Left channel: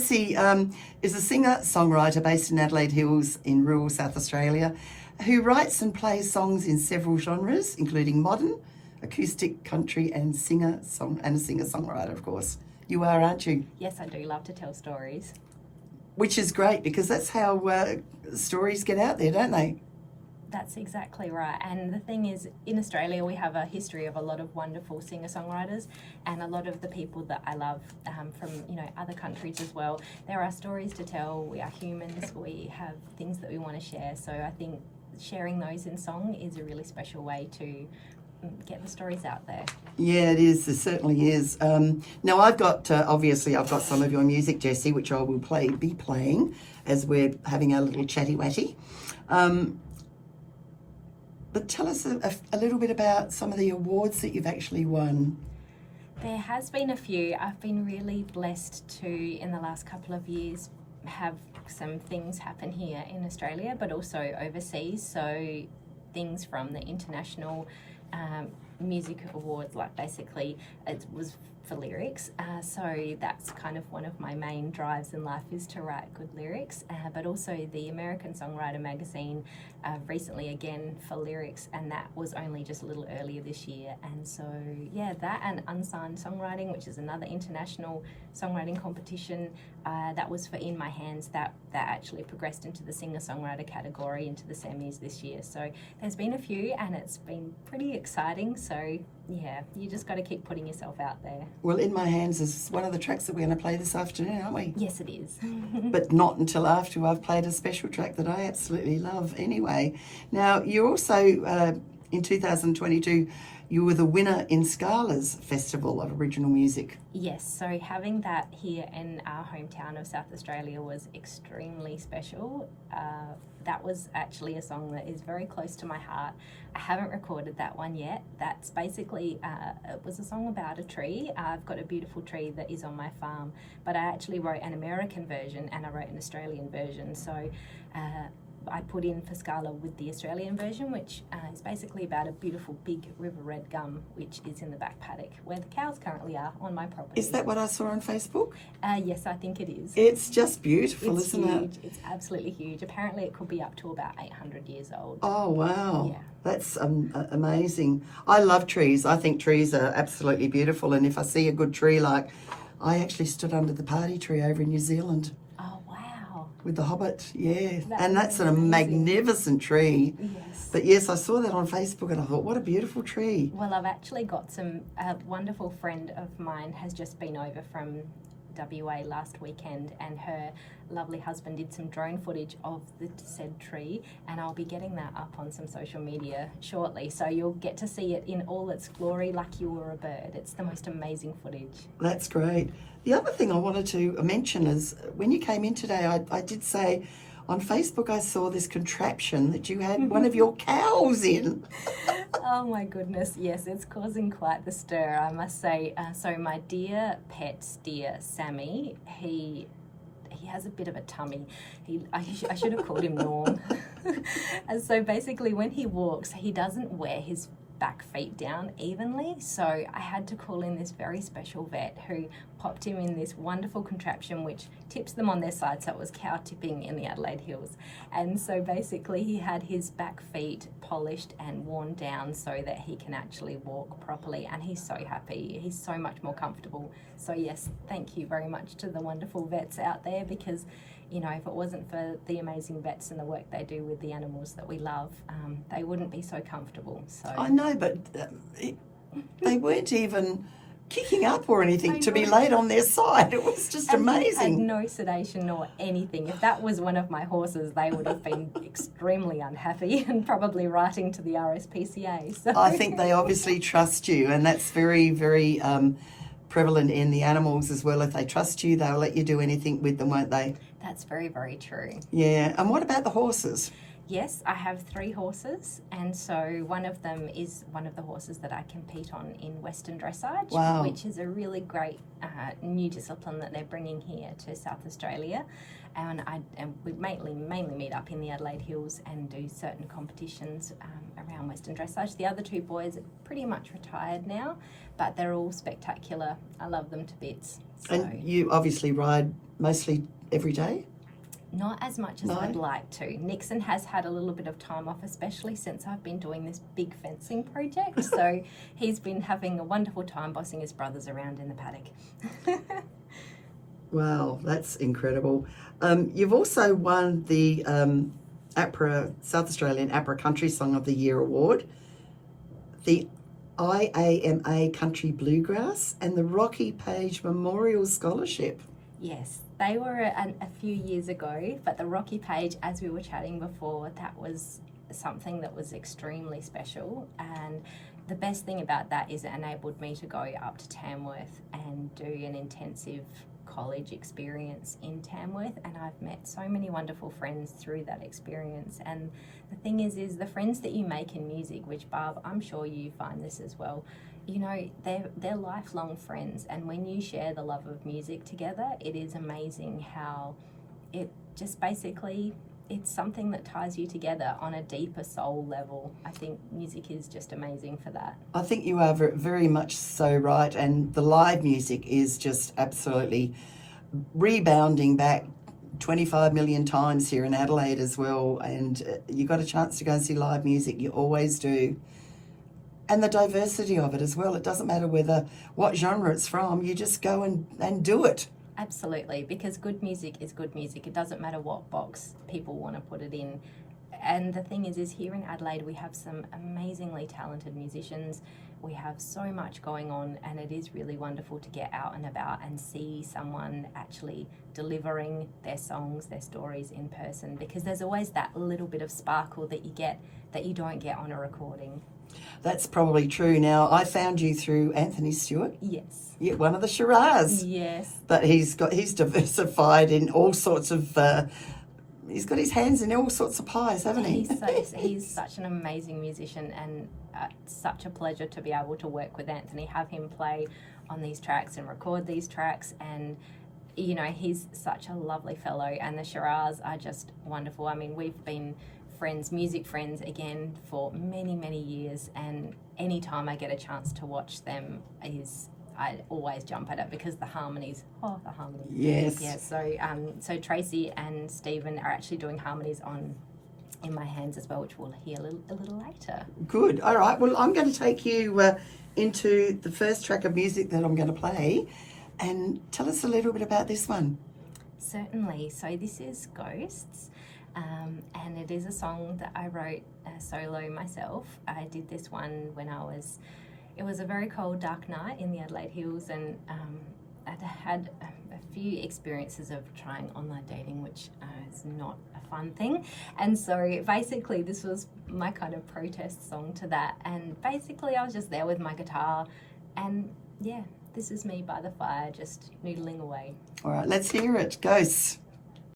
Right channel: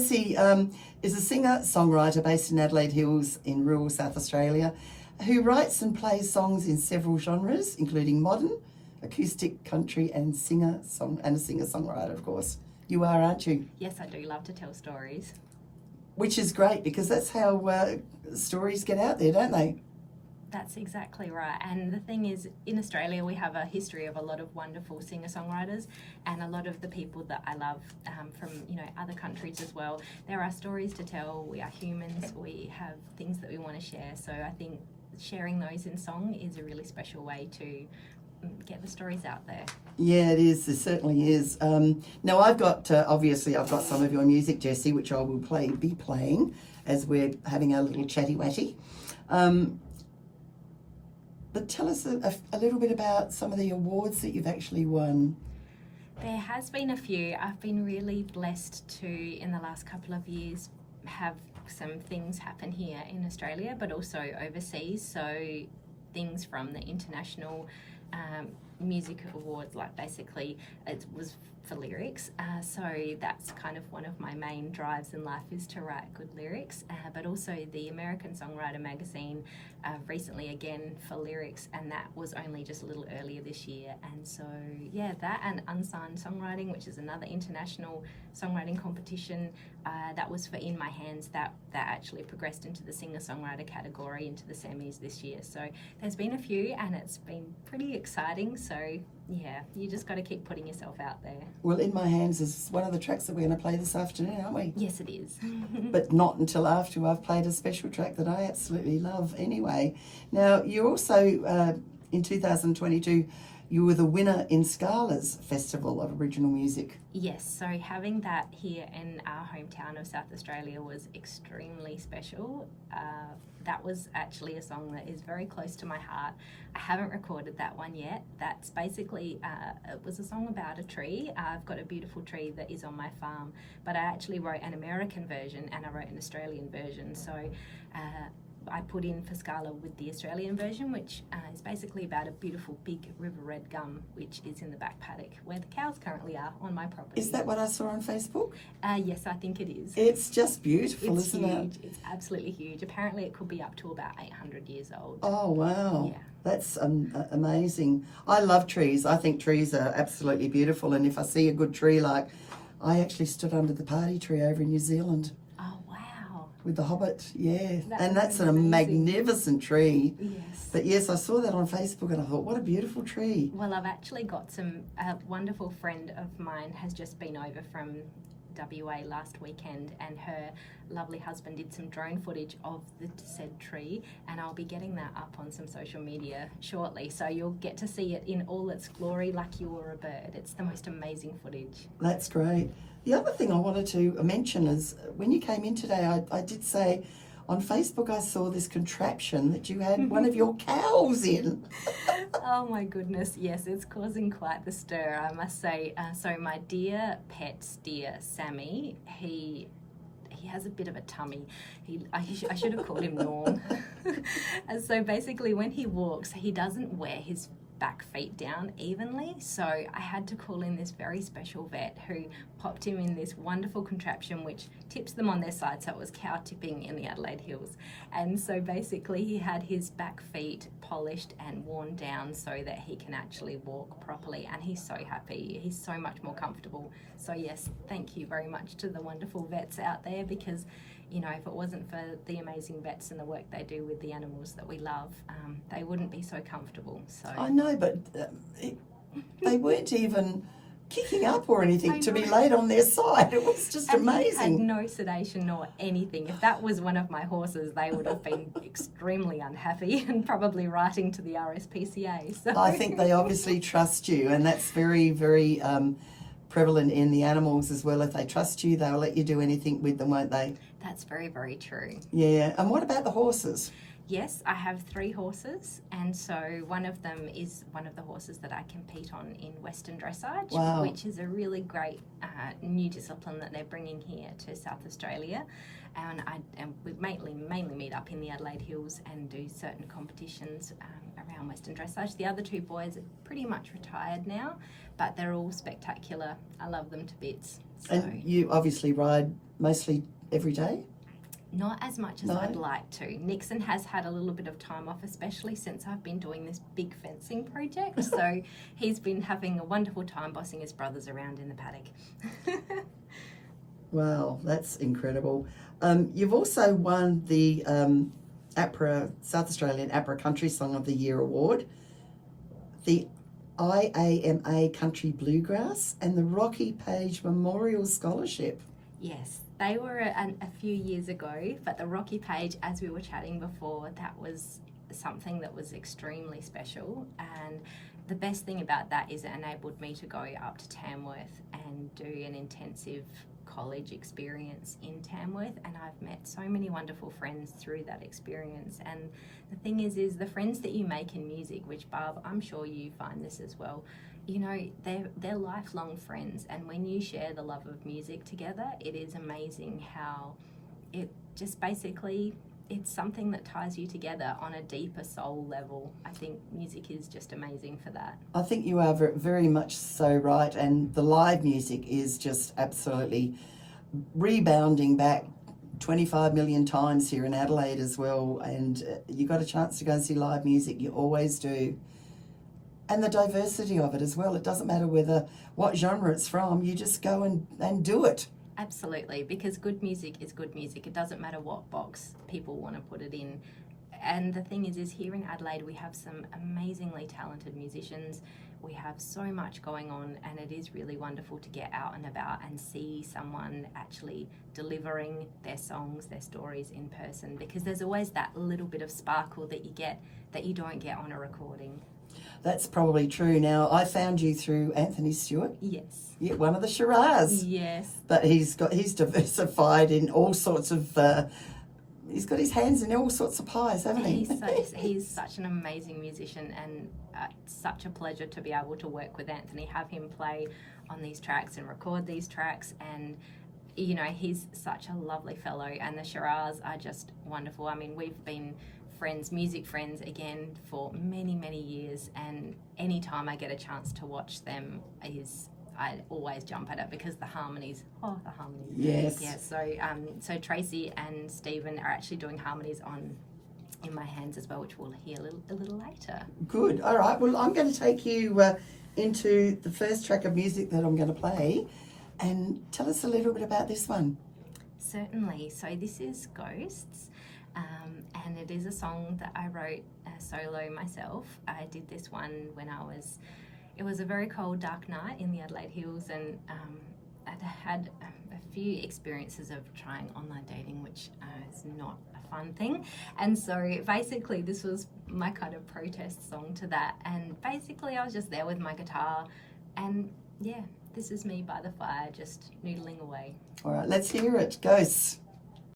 Jessie is a singer-songwriter based in Adelaide Hills in rural South Australia who writes and plays songs in several genres, including modern, acoustic, country, and a singer-songwriter, of course. You are, aren't you? Yes, I do love to tell stories. Which is great because that's how stories get out there, don't they? That's exactly right. And the thing is, in Australia, we have a history of a lot of wonderful singer-songwriters, and a lot of the people that I love from other countries as well. There are stories to tell. We are humans. We have things that we want to share. So I think sharing those in song is a really special way to get the stories out there. Yeah, it is. It certainly is. Now, I've got some of your music, Jessie, which I will be playing as we're having our little chatty-watty. But tell us a little bit about some of the awards that you've actually won. There has been a few. I've been really blessed to, in the last couple of years, have some things happen here in Australia, but also overseas. So things from the International Music Awards, like basically it was for lyrics. So that's kind of one of my main drives in life, is to write good lyrics. But also the American Songwriter magazine recently again for lyrics, and that was only just a little earlier this year. And so yeah, that and Unsigned Songwriting, which is another international songwriting competition, that was for In My Hands, that actually progressed into the singer-songwriter category, into the semis this year. So there's been a few, and it's been pretty exciting. So yeah, you just got to keep putting yourself out there. Well, In My Hands is one of the tracks that we're going to play this afternoon, aren't we? Yes, it is. But not until after I've played a special track that I absolutely love anyway. Now, you also, in 2022, you were the winner in Scala's Festival of Original Music. Yes, so having that here in our hometown of South Australia was extremely special. That was actually a song that is very close to my heart. I haven't recorded that one yet. That's basically, it was a song about a tree. I've got a beautiful tree that is on my farm, but I actually wrote an American version and I wrote an Australian version. So I put in for Scala with the Australian version, which is basically about a beautiful big river red gum, which is in the back paddock where the cows currently are on my property. Is that what I saw on Facebook? Yes, I think it is. It's just beautiful, it's isn't huge. it? It's absolutely huge. Apparently it could be up to about 800 years old. Oh, wow. Yeah. That's amazing. I love trees. I think trees are absolutely beautiful. And if I see a good tree, like I actually stood under the party tree over in New Zealand. Oh, wow. With the Hobbit, yeah. That's a amazing. magnificent tree. Yes. But yes, I saw that on Facebook and I thought, what a beautiful tree. Well, I've actually got a wonderful friend of mine has just been over from WA last weekend, and her lovely husband did some drone footage of the said tree, and I'll be getting that up on some social media shortly, so you'll get to see it in all its glory like you were a bird. It's the most amazing footage. That's great. The other thing I wanted to mention is when you came in today, I did say on Facebook I saw this contraption that you had one of your cows in. Oh my goodness, yes, it's causing quite the stir, I must say. So my dear pet steer, Sammy, he has a bit of a tummy. I should have called him Norm. And so basically when he walks, he doesn't wear his back feet down evenly, so I had to call in this very special vet who popped him in this wonderful contraption which tips them on their side, so it was cow tipping in the Adelaide Hills. And so basically he had his back feet polished and worn down so that he can actually walk properly, and he's so happy. He's so much more comfortable. So yes, thank you very much to the wonderful vets out there, because if it wasn't for the amazing vets and the work they do with the animals that we love, they wouldn't be so comfortable. So I know, but they weren't even kicking up or anything to be laid on their side. It was just amazing. He had no sedation nor anything. If that was one of my horses, they would have been extremely unhappy and probably writing to the RSPCA. So I think they obviously trust you, and that's very, very prevalent in the animals as well. If they trust you, they'll let you do anything with them, won't they? That's very, very true. Yeah. And what about the horses? Yes, I have 3 horses, and so one of them is one of the horses that I compete on in Western Dressage, wow, which is a really great new discipline that they're bringing here to South Australia. And we mainly meet up in the Adelaide Hills and do certain competitions around Western Dressage. The other 2 boys are pretty much retired now, but they're all spectacular. I love them to bits. So, and you obviously ride mostly every day? not as much as No? I'd like to. Nixon has had a little bit of time off, especially since I've been doing this big fencing project. So he's been having a wonderful time bossing his brothers around in the paddock. Wow, that's incredible. You've also won the South Australian APRA Country Song of the Year Award, the IAMA Country Bluegrass, and the Rocky Page Memorial Scholarship. Yes, they were a few years ago, but the Rocky Page, as we were chatting before, that was something that was extremely special. And the best thing about that is it enabled me to go up to Tamworth and do an intensive college experience in Tamworth, and I've met so many wonderful friends through that experience. And the thing is the friends that you make in music, which Barb, I'm sure you find this as well, you know, they're lifelong friends, and when you share the love of music together, it is amazing how it just basically, it's something that ties you together on a deeper soul level. I think music is just amazing for that. I think you are very much so right, and the live music is just absolutely rebounding back 25 million times here in Adelaide as well, and you got a chance to go and see live music, you always do. And the diversity of it as well. It doesn't matter what genre it's from, you just go and do it. Absolutely, because good music is good music. It doesn't matter what box people want to put it in. And the thing is here in Adelaide, we have some amazingly talented musicians. We have so much going on, and it is really wonderful to get out and about and see someone actually delivering their songs, their stories in person, because there's always that little bit of sparkle that you get that you don't get on a recording. That's probably true. Now, I found you through Anthony Stewart. Yes. Yeah, one of the Shiraz. Yes. But he's diversified in all sorts of, he's got his hands in all sorts of pies, hasn't he? He's such an amazing musician, and it's such a pleasure to be able to work with Anthony, have him play on these tracks and record these tracks. And, you know, he's such a lovely fellow, and the Shiraz are just wonderful. I mean, we've been friends, music friends again, for many, many years, and anytime I get a chance to watch them I always jump at it because the harmonies. Yes. Yeah, so Tracy and Stephen are actually doing harmonies in my hands as well, which we'll hear a little later. Good. All right. Well, I'm going to take you into the first track of music that I'm going to play, and tell us a little bit about this one. Certainly. So this is Ghosts. And it is a song that I wrote solo myself. I did this one when it was a very cold, dark night in the Adelaide Hills, and I'd had a few experiences of trying online dating, which is not a fun thing. And so basically this was my kind of protest song to that. And basically I was just there with my guitar, and yeah, this is me by the fire, just noodling away. All right, let's hear it. Ghosts.